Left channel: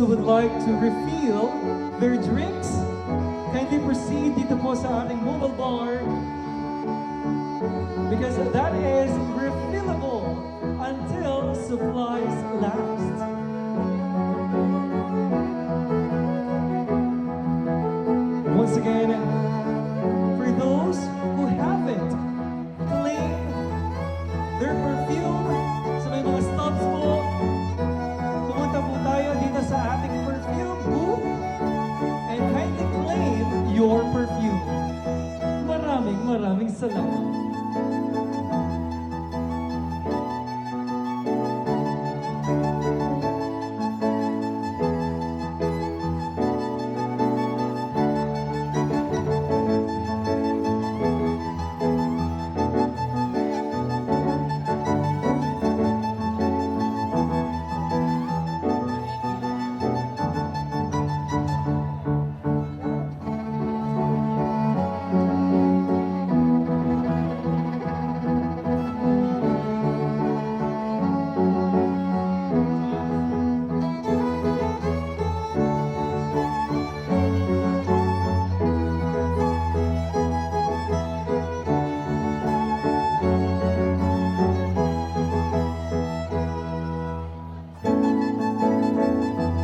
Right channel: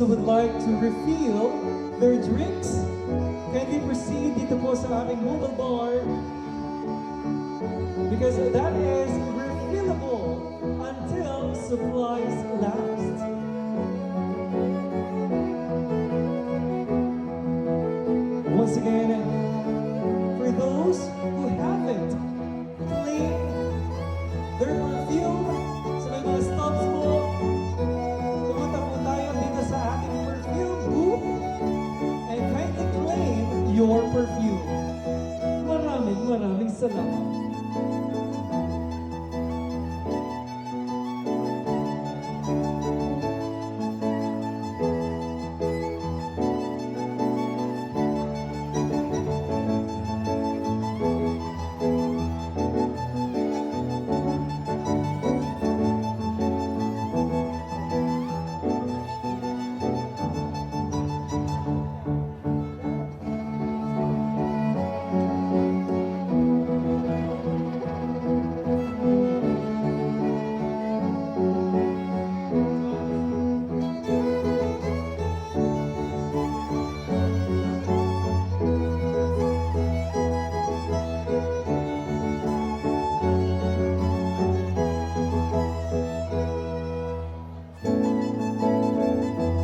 who would like to refill their drinks, kindly proceed dito po sa ating mobile bar because that is refillable until supplies last. Once again, for those who haven't claimed their perfume sa may mga stops po, pumunta po tayo dito sa ating perfume booth and kindly claim your perfume. Maraming salamat.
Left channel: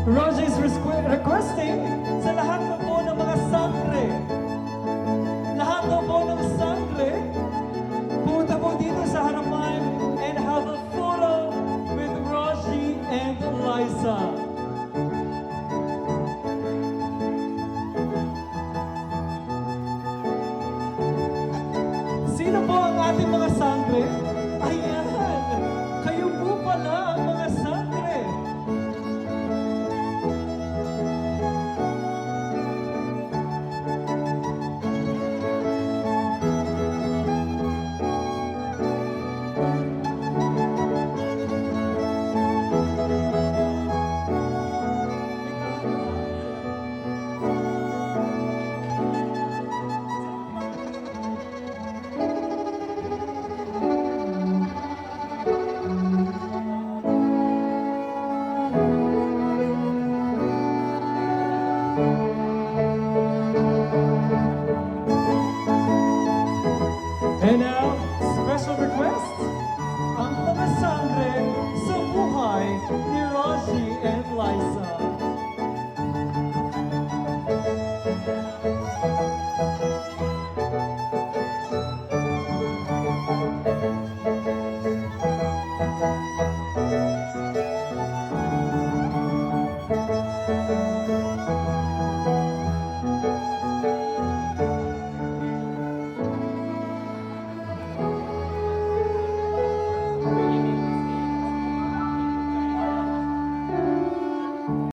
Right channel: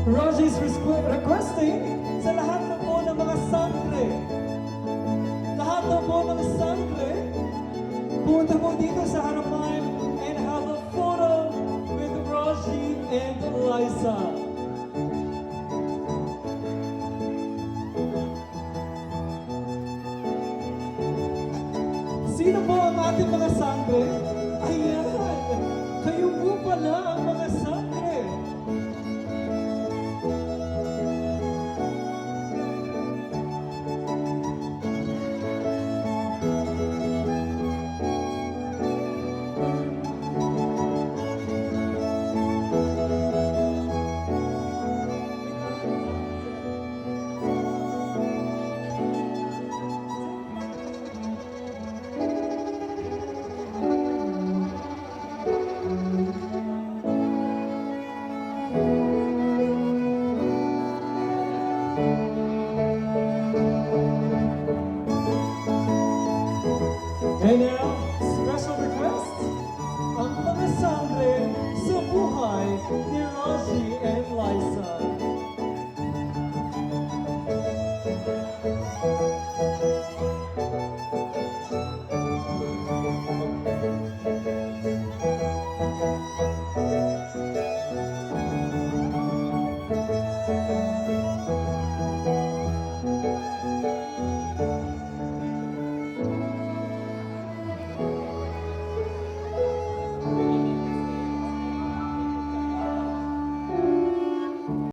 Roger is requesting sa lahat na po ng mga sangre. Lahat na po ng sangre, pumunta po dito sa harapan and have a photo with Roger and Liza. Sino po ang ating mga sangre? Ayan! Kayo po pala ang mga sangre. And now, special request, ang mga sangre sa buhay ni Rosie and Liza.